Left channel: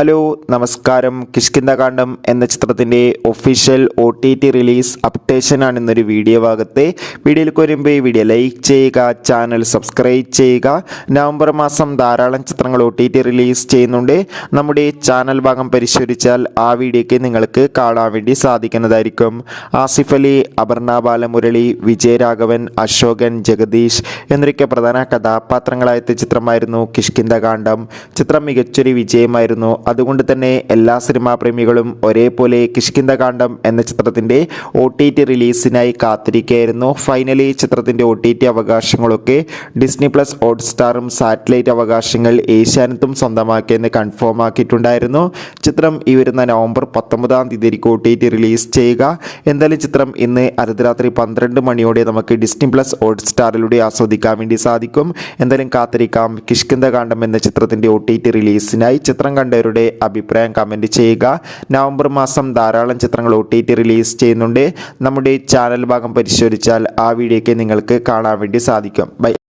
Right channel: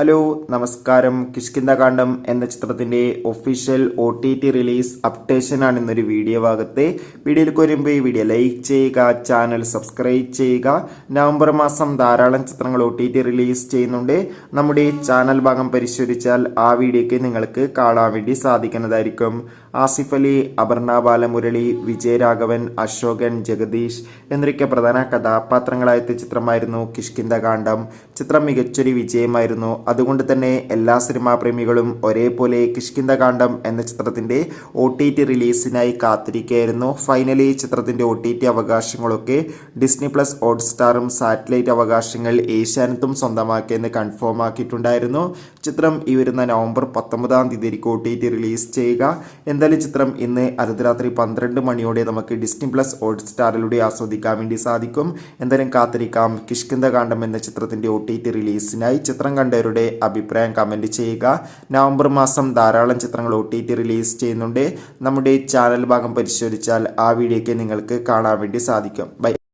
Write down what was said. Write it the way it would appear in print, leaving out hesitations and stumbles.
Hello നമസ്കാരം. കിഷ്കിന്ധാകാന്ഡം എന്ന ചിത്രത്തിൻ്റെ ഒഫീഷ്യൽ OTT റിലീസ് അപ്ഡേഷനാണ് ഇന്നൊരു വീഡിയോ ഭാഗത്തെ. വീഡിയോയിലേക്ക് വരുമ്പോൾ ഈ വീഡിയോ ലൈക്ക് ചെയ്യുക, ചാനൽ സബ്സ്ക്രൈബ് ചെയ്യുക. നവംബർ മാസം ധാരാളം ചിത്രങ്ങൾ OTT റിലീസ് ചെയ്യുന്നുണ്ട്. നമ്മുടെ ചാനൽ ഭാഗം പരിശോധിച്ചാൽ ആ വീഡിയോയ്ക്ക് നിങ്ങൾക്ക് കാണാൻ വേണ്ടി സാധിക്കുന്നതായിരിക്കും. ആസിഫ് അലി, അപർണ ബാലമുരളി, വിജയരാഘവൻ, അശോകൻ, ജഗദീഷ് എന്നൊക്കെ പ്രധാന കഥാപാത്രങ്ങളായ ചിത്രമായിരുന്നു കിഷ്കിന്ധാകാന്ഡം. ചിത്രം മികച്ചൊരു വിജയമായിരുന്നു. അതുകൊണ്ട് തന്നെ എല്ലാ സിനിമാ പ്രേമികളും ഒരേപോലെ കിഷ്കിന്ധാകാന്ഡം എന്ന ചിത്രത്തിൻ്റെ OTT റിലീസിനായി കാത്തിരിക്കുകയായിരുന്നു. ഫൈനലി ചിത്രത്തിൻ്റെ OTT അവകാശങ്ങളൊക്കെ ഡിസ്നി പ്ലസ് ഹോട്ട്സ്റ്റാറും സാറ്റലൈറ്റ് അവകാശങ്ങൾ ഏഷ്യാനെറ്റും സ്വന്തമാക്കിയെന്ന് കൺഫേം ആക്കിയിട്ടുണ്ടായിരുന്നു. ചിത്രം ഈ വരുന്ന നവംബർ 19 OTT റിലീസ് ചെയ്യുക. എന്തായാലും ചിത്രം ഇന്ന് അർദ്ധരാത്രി 12 മണിയോടെ നമുക്ക് ഡിസ്നി പ്ലസ് ഹോട്ട്സ്റ്റാറിലൂടെ ആസ്വദിക്കാൻ വേണ്ടി സാധിക്കും. എന്തായാലും കാത്തിരിക്കാം കിഷ്കിന്ധാകാന്ഡം എന്ന ചിത്രത്തിൻ്റെ OTT റിലീസിനായി. ചിത്രം കണ്ടവരുടെ അഭിപ്രായം കമൻറ്റ് ചെയ്യുക. നവംബർ മാസം ധാരാളം ചിത്രങ്ങൾ OTT റിലീസ് ചെയ്യുന്നുണ്ട്. നമ്മുടെ ചാനൽ ഭാഗം പരിശോധിച്ചാൽ ആ വീഡിയോയ്ക്ക് നിങ്ങൾക്ക് കാണാൻ വേണ്ടി സാധിക്കും. ബൈ.